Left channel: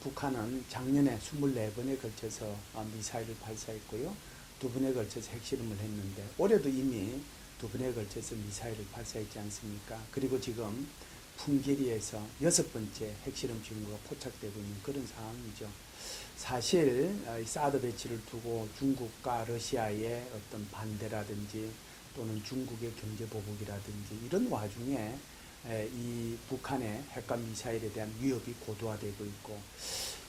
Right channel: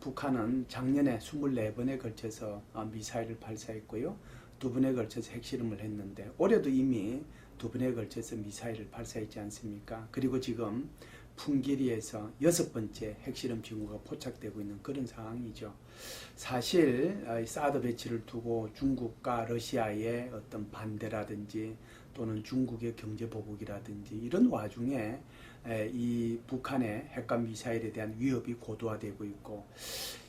북한은 작년에 24번에 걸쳐서 미사일을 발사했고요. 2번에 걸쳐서 핵실험을 했는데 올해도 이미 2번에 걸쳐서 미사일을 발사했지 않습니까? 그리고 지금 풍계리에서 6번째 핵실험 징후가 포착되고 있는 그런 상황이죠. 사실 사드 배치를 두고 중국과 러시아의 어떤 반대라든지 또는 중국의 경제 보복이라든지 이런 와중에 이 북한의 핵과 미사일에 대한 위협이 고도화되고 있고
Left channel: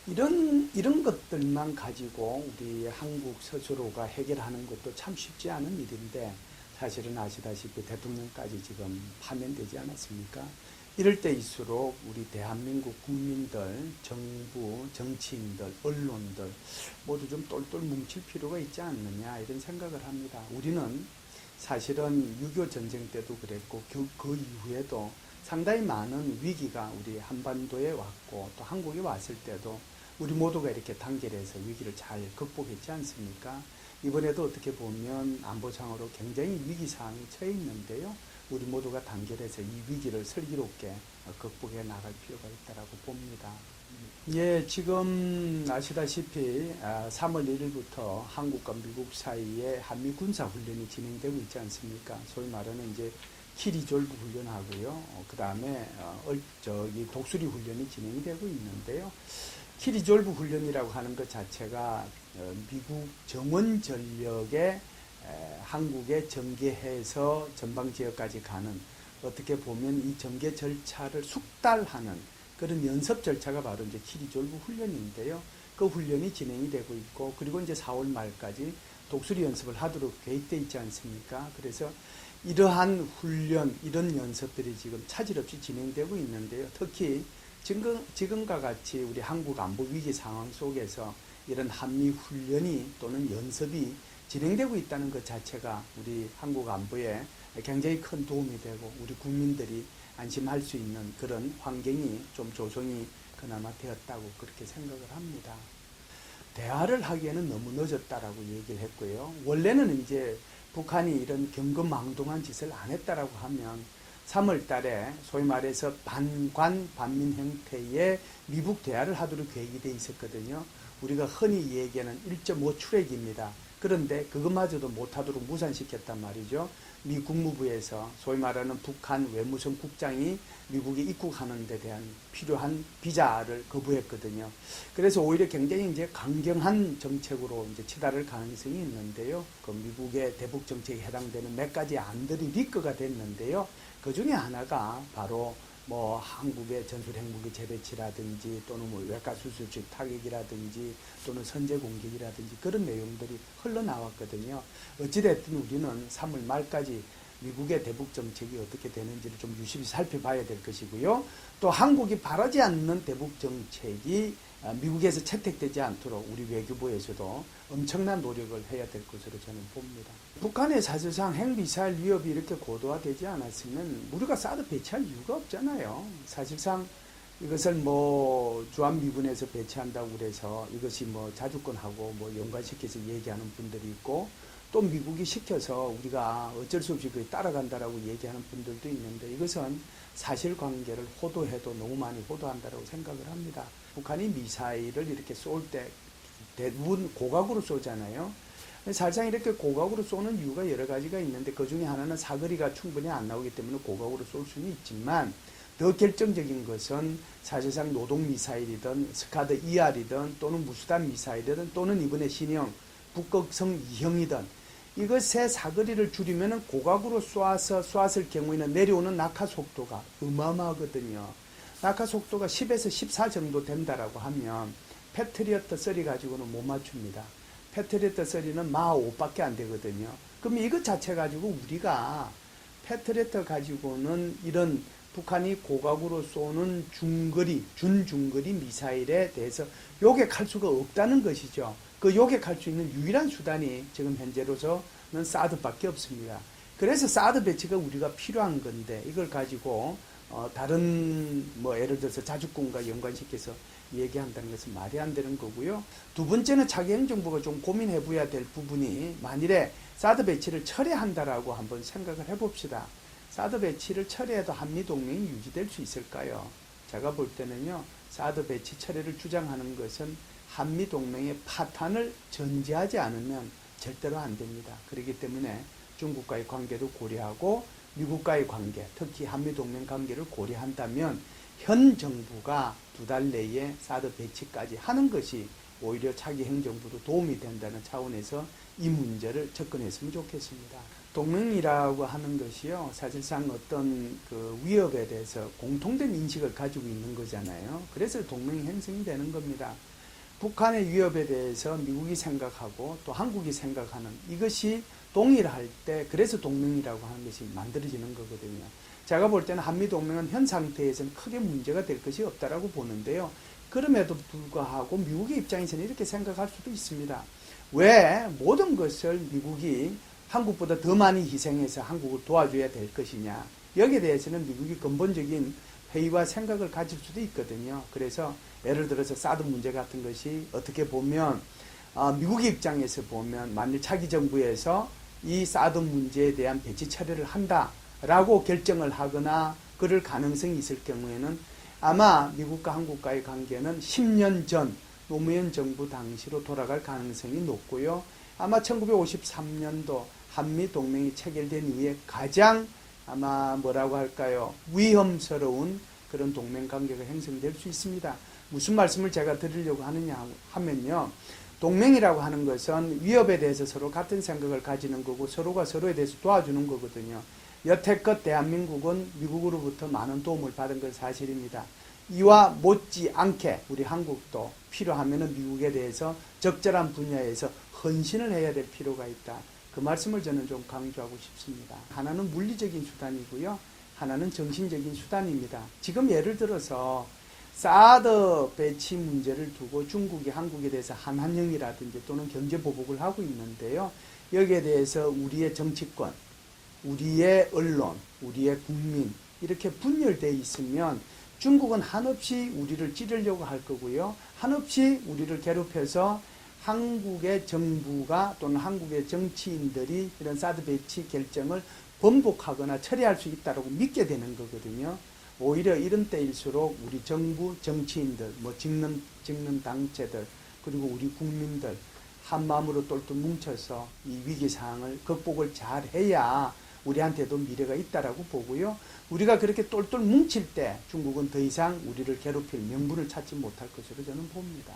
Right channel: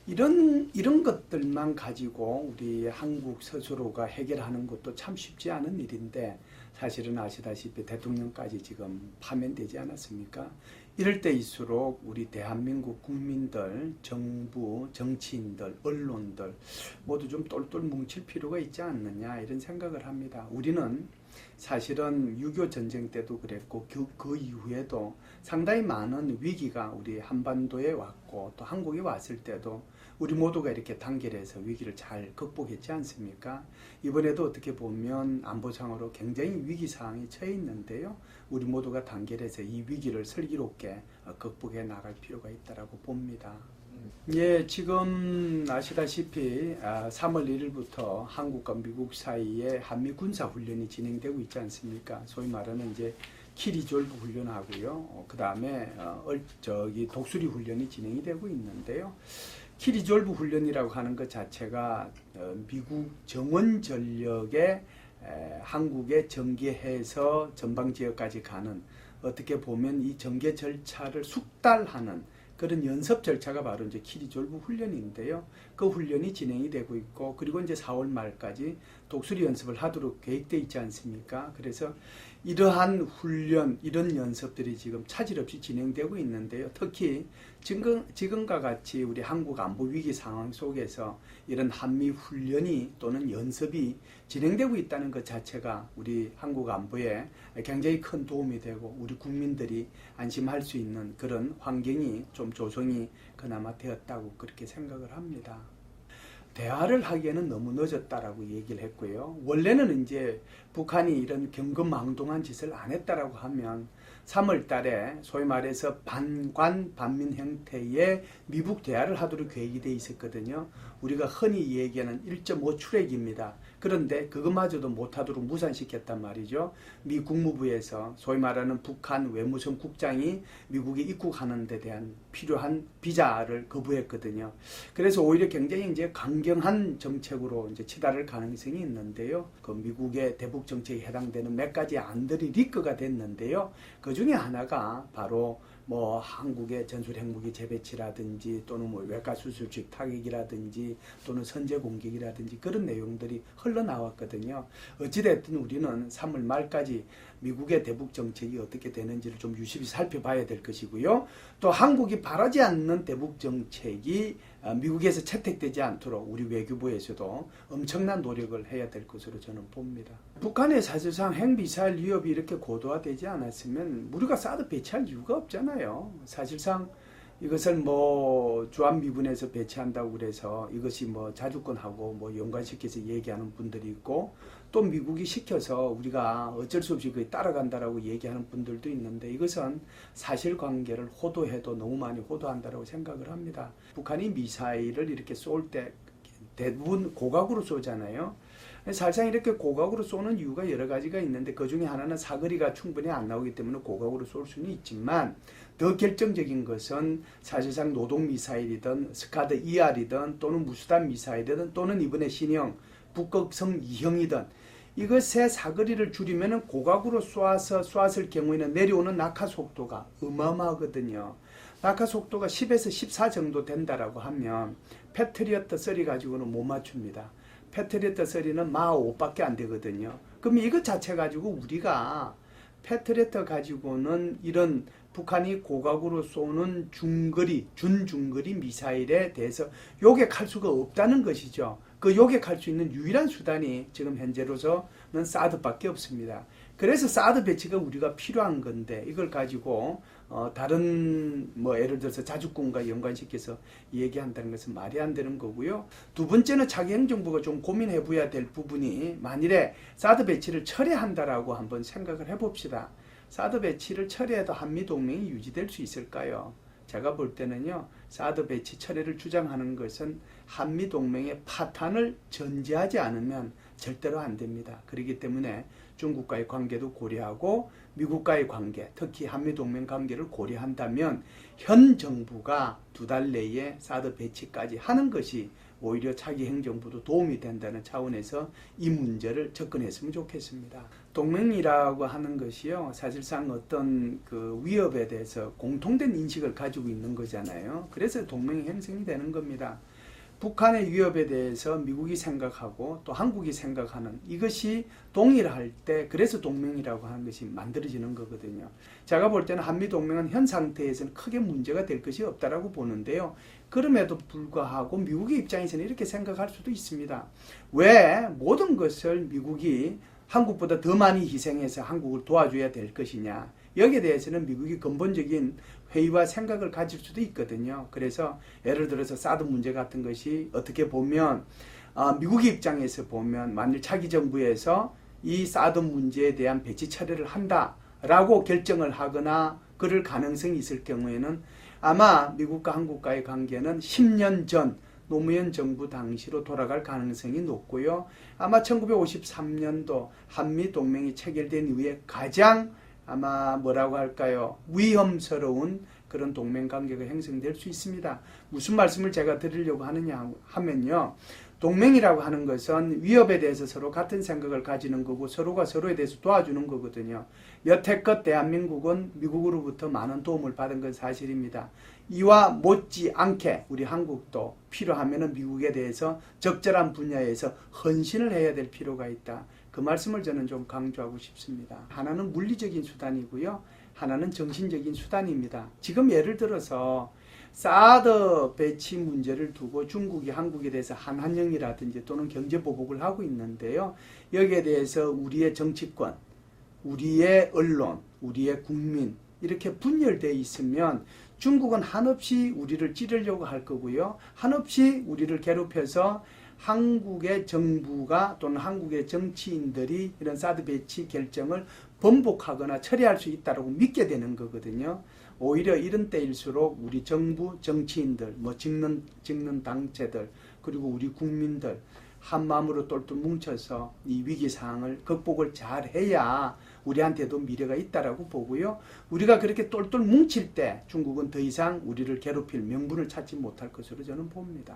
이런 것들만 가지고 우리 한국 스스로가 해결하는 것도 참 쉽지 않은 일인데 사실은 아시다시피 대통령까지 지금 파면되지 않았습니까? 이럴 때일수록 우리 대한민국 국민들, 정부, 정치인들, 언론들 모두 좀 똘똘 뭉칠 필요가 있지 않느냐 이런 생각을 합니다. 우리는 사실은 6.25 전쟁 때도 그랬고 그 이후에도 상당히 많은 위기가 우리 한반도에 왔고 또 한국에 왔을 때도 우리 모두가 이렇게 단결해서 위기를 잘 극복했지 않습니까? 이번에도 어떻게 보면 안보상으로 굉장히 위기 상황에 처해 있는데요. 우리 모두가 단결해서 이 위기를 슬기롭게 극복해 나갈 필요가 있다고 봅니다. 예, 지금 아시다시피 3월 1일부터 한국과 미국 사이에 한미 군사 훈련이 진행되고 있지 않습니까? 소위 말하는 이제 키리졸브 훈련하고요. 그 다음에 독수리 훈련이 진행이 되고 있는데요. 키리졸브 훈련이라고 하는 것 자체가 미국 정원 전력에 한국에 전개해서 전방 지역까지 가는 어떻게 보면 이 전개 절차를 숙달하는 그런 연습 절차가 바로 이제 키리졸브 훈련인데요. 그 훈련이 진행이 되고 있고 그리고 이제 4월 말까지 독수리 연습을 하도록 계획되어 있지 않습니까? 그래서 이러한 훈련, 이런 연습들이 지금 차질 없이 진행되고 있는데요. 특히 지금과 같이 우리 한국 안보 위기 상황 속에서 이런 한미 훈련이 또는 연습이 진행되고 있다는 것 자체가 우리 한국 안보에 굉장히 큰 도움이 되고 우리 국민들이 안심할 수 있는 그런 환경이 좀 조성이 그나마 되었다고 그렇게 생각을 합니다. 대화를 하기에는 너무 늦었다라고 얘기를 했고요. 원래는 이제 북한이 이런 경거망동한 짓을 안 했다라고 하면 3월 달에 소위 말해서 반관 반민 형태의 미국 대화를 하도록 계획이 돼 있었거든요. 우리가 흔히 얘기하는 1.5 출액입니다. 그런데 그것마저도 못하도록 무산시켰단 말이죠. 미 국무부에서 소위 말하는 북한 외무성 국장이 미국에 입국하는 데 대한 필요한 비자를 거부했거든요. 그래서 오히려 굉장히 이제 강경한 정책으로 이제 치달을 가능성이 있는데요. 그 미국의 대북 정책에 해당되는 몇 가지 안들이 리크가 됐는데요. 그 중에 하나가 바로 뭐 한국의 전술 핵무기 재배치라든지 또는 뭐 외과 수술식 타격이라든지 또는 선제 공격이라든지 그런 내용들이 흘러나왔거든요. 어찌됐든 우리는 3월 말까지 미국의 대북 정책이 어떻게 되는지를 좀 유심히 살펴봐야 될 것이고요. 또 한국이 바라지 않는 대북 정책이 미국에서 채택되지 않도록 우리 외교부에서도 엄청난 노력을 해야 될 것으로 저는 봅니다. 북한의 사실상 핵미사일 위협이 이렇게 고도화되지 않았으면 우리가 사드 배치할 이유가 없잖아요. 사실상 이것을 뭐 주한미군에서 배치한다고 그래서 이것이 뭐 자주권하고 뭐 연관시켜서 얘기하는 분들이 있고 또 미국이 시켜서 우리가 어쩔 수 없이 그에 따라간다라고 얘기하는 분들도 있는데 이것은 사실관계를 호도해도 너무 많이 호도한다고 생각을 합니다. 북한이 미사일을 이렇게 쏠 때 대부분 고각으로 쏘잖아요. 사실상 이렇게 고각으로 쏘는 이유가 여러 가지가 있는데 그 중에 하나는 사거리가 충분히 안 나오기 때문에 고각으로 쏠 수는 있지만 더 결정적인 것은 사실상 노동미사일이든 스카드 ER이든 또는 무수단 미사일이든 또는 이번에 신형 북극성 2형이든 이것의 사거리를 줄이면 고각으로 쏘았을 경우에는 내려오는 낙하 속도가 어마어마하거든요. 낙하 속도가 10에서 14 정도 된다라고 하면 패트리어트 3 가지고는 못 맞춥니다. 패트리어트 3는 마 5밖에 안 되거든요. 그럼 이것 자체 가지고 우리가 패트리어트 가지고는 이런 북한이 고각으로 쏘는 준중거리 미사일에 대해서 요격할 수가 없다는 것이죠. 그 요격할 수 있는 유일한 수단이 지금 현재로서는 사드밖에 없습니다. 그래서 사드 배치가 우리가 필요한 건데 이걸 가지고 다른 뭐 예를 들어서 자주권과 연관시켜서 얘기한다는 것은 말이 안 되는 거고요. 두 번째는 자기 행정부가 좀 고민해 봐야 될 부분이 만일에 사드 배치를 철회한다라고 한번 생각을 해봅시다. 사드 배치를 철회해도 한미동맹이 유지될 수 있을까요? 제가 볼 때는요. 사드 배치 철회를 주장하는 것은 한미 동맹의 파탄을 전제하지 않으면 절대로 안 됩니다. 그렇기 때문에 중국과의 관계도 고려하고 미국과의 관계, 특히 한미 동맹 관계를 고려한다면 현 정부가 2달 내에 사드 배치까지 하는 것이 오히려 차기 행정부도 도움이 된다는 차원에서 이 문제를 접근했으면 좋겠습니다. 동맹이라고 하는 것이요, 사실상 어떤 그 위협에 대해서 공통된 인식을 가지고 있는 거잖아요. 그래서 동맹이 형성이 되는 겁니다. 북한의 위협에 대해서 미국이 생각하고 또 한국이 생각하는 이것이 동일할 때 그래서 동맹이라고 하는 것이 만들어지는 거거든요. 제가 볼 때는 한미동맹은 현 상태에서는 크게 문제가 될 것이 없다라고 보는데요. 그럼에도 불구하고 미국의 입장에서는 이렇게 생각할 수도 있습니다. 왜 모든 것을 미국이 한국보다 더 많이 희생해서 한국을 도와줘야 될 것이냐. 여기에 대해서는 미국이 근본적인 회의와 생각을 가질 수도 있거든요. 그래서 예를 들어서 사드 문제 같은 것이 어떻게 보면 미국의 입장에서 보면 만일 차기 정부에서 이 사드 문제에 대한 배치 처리를 한다라고 결정을 하거나 그럴 가능성이 있을 경우에는 아마 미국과 한국과의 관계는 10년 전 노무현 정부 당시로 돌아갈 가능성이 높고요. 아마 1953년도 한미 동맹이 체결된 이후에 가장 아마 뭐라고 할까요? 위험스러운 그런 동맹 관계가 형성될 수 있습니다. 무슨 말씀을 제가 드리려고 하느냐 하면요. 동맹이라고 하는 것은 위협에 대해서 서로 같은 생각을 가지는 거고 서로가 서로에 대해서 도와주는 거거든요. 여태껏 대한민국은 미국으로부터 많은 도움을 받은 건 사실입니다. 이와 못지않게 우리 한국도 필요하면 미국에 대해서 적절한 분야에서 헌신을 해야 될 필요가 있다. 그 말씀을 저는 좀 강조하고 싶습니다. 하나는 물리적인 수단이고요. 하나는 정신적인 수단입니다. 지금 예를 들어서 사드 배치 문제를 두고 중국이 한국에 대해서 한한령이라든지 또는 경제보복을 하고 있는데요. 여기에 대해서 우리의 정치권, 우리의 언론, 우리의 국민 이렇게 분열되어 있으면 중국은 한없이 우리를 찌르려고 할 거고요. 한없이 우리를 괴롭혀서 한국의 정부가 또는 한국의 정치인들이 이런 사드 배치 결정을 번복하거나 처리할 수 있다고 믿게 되는 거거든요. 오히려 이런 때일수록 우리 정부, 정치인들, 찍는 당체들, 그리고 우리 국민들 한마음으로 똘똘 뭉쳐서 이 위기 상황을 극복을 잘 해야 우리한테도 미래가 있다라고 보고요. 우리가 그렇게 똘똘 뭉칠 때 중국은 더 이상 우리를 괴롭힐 명분을 찾지 못할 것으로 저는 봅니다.